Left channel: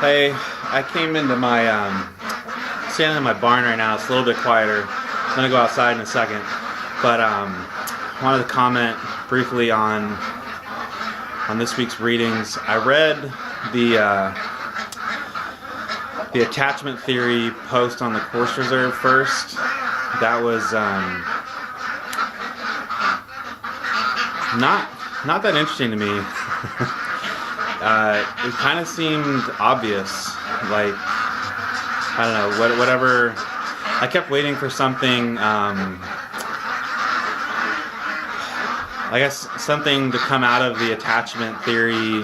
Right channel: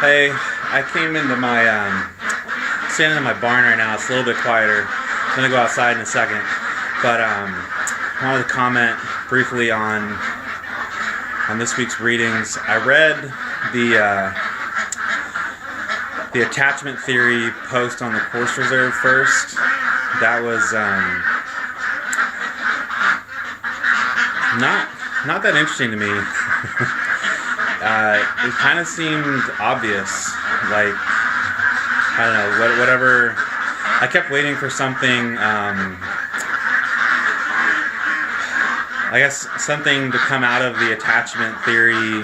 Hey, I came into my standing in my barn right now. It's a little bit quieter. I'm gonna go outside in a second, but wanted to comment briefly on this week's readings. I read the attachment theory post on the Course Reserve first. That was not that interesting to me. It kind of seemed obvious, like, I don't know, whatever. I kept waiting for something, I guess something to come out of the attachment theory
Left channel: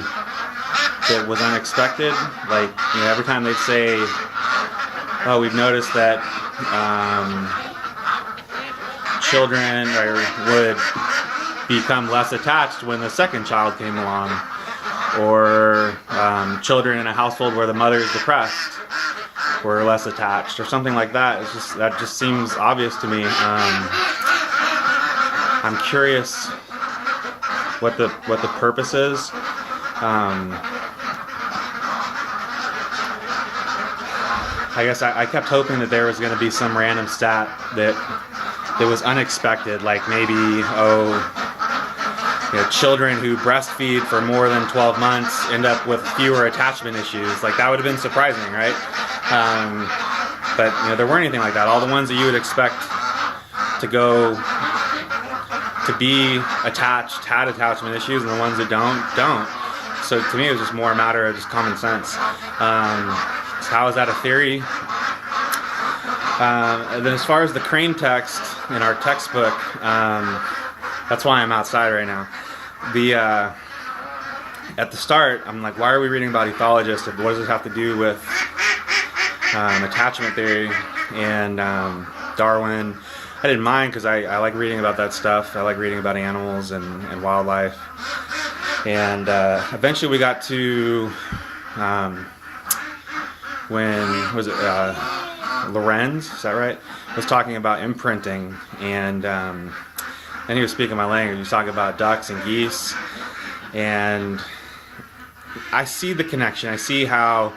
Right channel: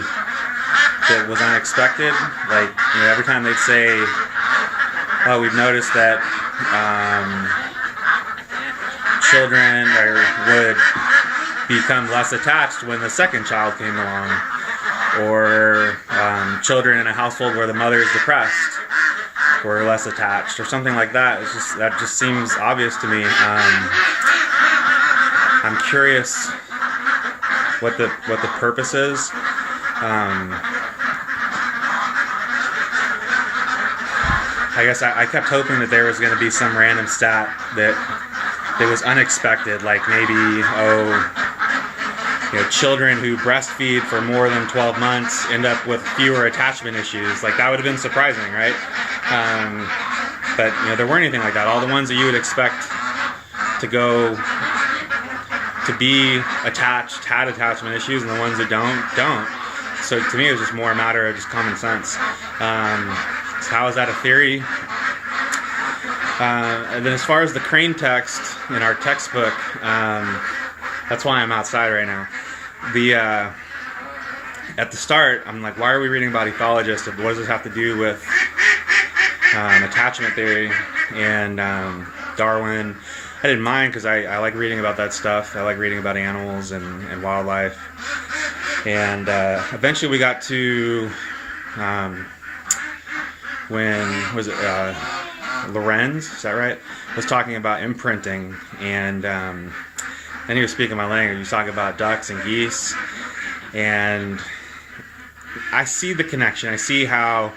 that was unexpected. Like, every time they'd say, oh, we've noticed that children would become less attached when the second child came along, or children in a household where the mother is depressed were less attached, or something like that. That just seems obvious to me. I'm curious what the purpose is. I guess I kept hoping that there was going to be some random stat that was unexpected, like maybe, children who breastfeed for more than 12 months end up with fewer attachment issues. Like, that would have been surprising, right? But there weren't anything like that. All the ones that you would expect to be attached had attachment issues, and the ones that don't. So to me, it was just more a matter of just common sense. So how is that a theory? And then as far as the Crane text in our textbook, that's why I'm outside right now. At the start, I'm like, why are we reading about ethologists? What does this have to do with attachment theory and Darwin? I didn't mind, because I like reading about that stuff. I like reading about animals and wildlife. And eventually we got to when was it Lorenz? Is that right? Was talking about imprinting, and he was speaking my language. He was talking about ducks and geese, and I see the connection. I see how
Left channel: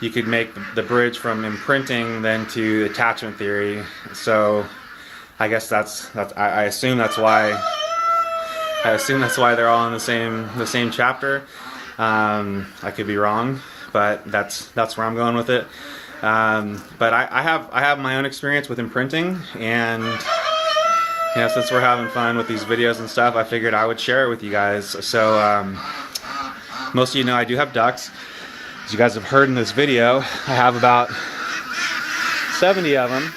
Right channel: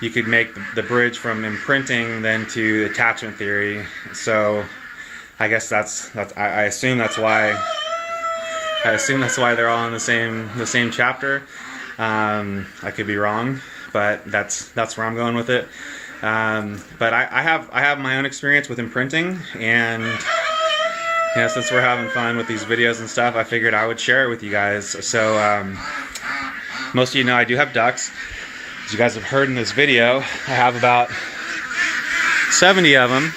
you could make the bridge from imprinting then to attachment theory. So I guess I assume that's why they're all in the same chapter. I could be wrong, but that's where I'm going with it. But I have my own experience with imprinting, and since we're having fun with these videos and stuff, I figured I would share it with you guys. So most of you know I do have ducks. As you guys have heard in this video, I have about 70 of them.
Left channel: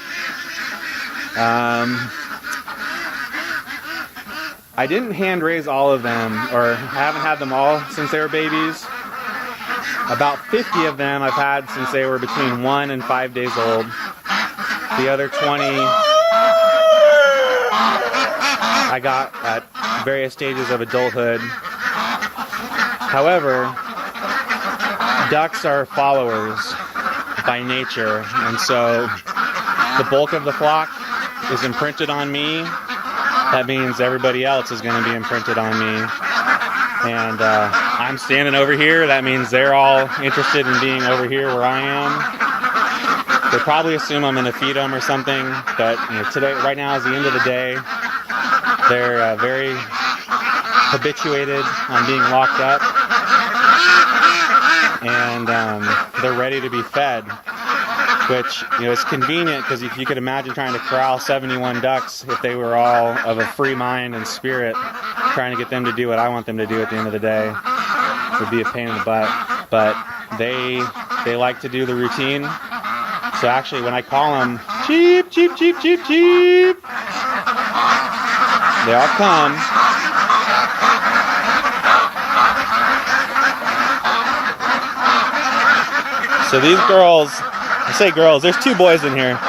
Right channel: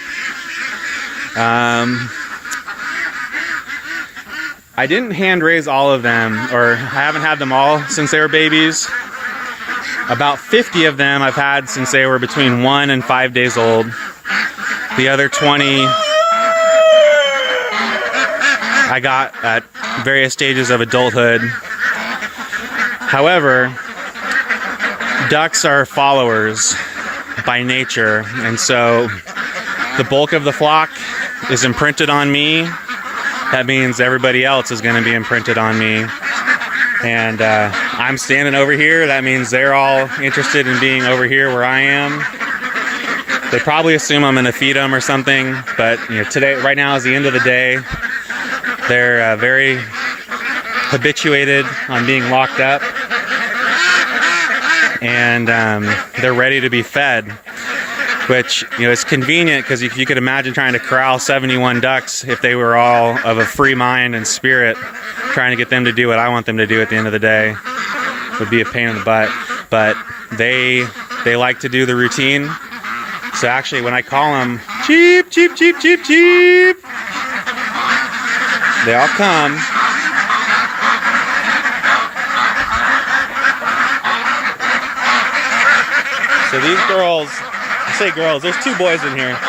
I didn't hand raise all of them, or I haven't had them all since they were babies. About 50 of them I've had since they were between 1 and 5 days old. The other 20 I got at various stages of adulthood. However, ducks are followers by nature, and so the bulk of the flock is imprinted on me. That means everybody else is going to be imprinted on me. And I'm standing over here. That means they're all interested in being over here where I am. They probably assume I'm going to feed them or something, but right now is the end of the day. They're very habituated on being locked up, and they're ready to be fed, which is convenient, because if you could imagine trying to corral 71 ducks if they were all of a free mind and spirit, trying to get them to do what I want them to do at the end of the day would be a pain in the butt. But they like to do the routine. So actually, when I call them cheep, cheep, cheep, cheep, cheep, they all come. So these girls, I say girls, there's 2 boys in here,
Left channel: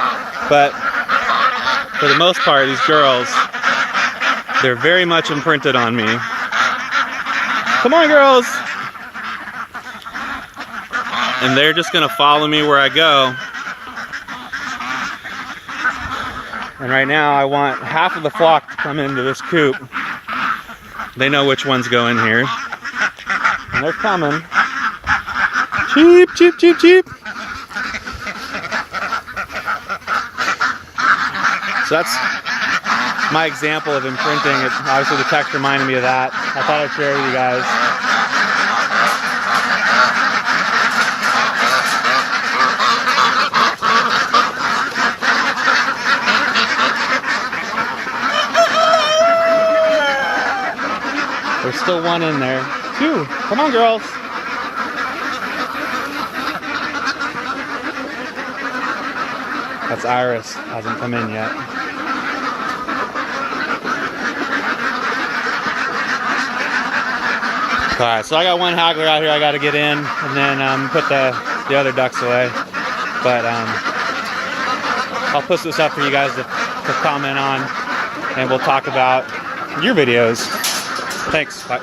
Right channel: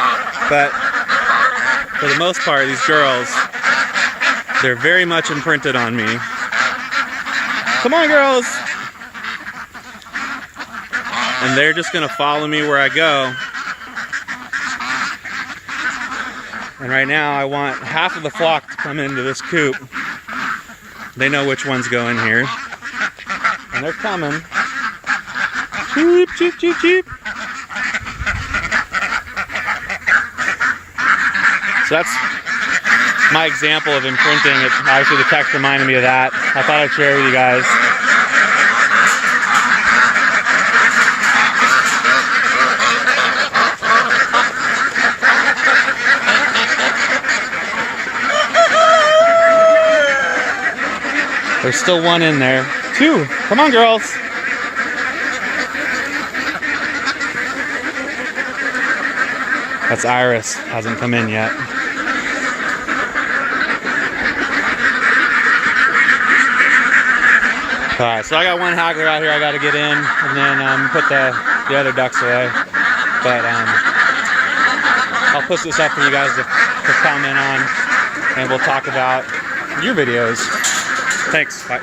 but for the most part, these girls, they're very much imprinted on me. Come on, girls! And they're just gonna follow me where I go. And right now, I want half of the flock to come into this coop. They know which ones go in here. And they're coming. Cheep, cheep, cheep, cheep. So that's my example of imprinting. Obviously the text reminded me of that. I thought I'd share with you guys. There's still one in there. Two. Come on, girls. That's Iris. Hasn't come in yet. Alright, so I got one haggler out here I got to get in, and then put the other ducks away. But I'll post this up for you guys to comment on, and we'll talk about your videos. Thanks. Bye.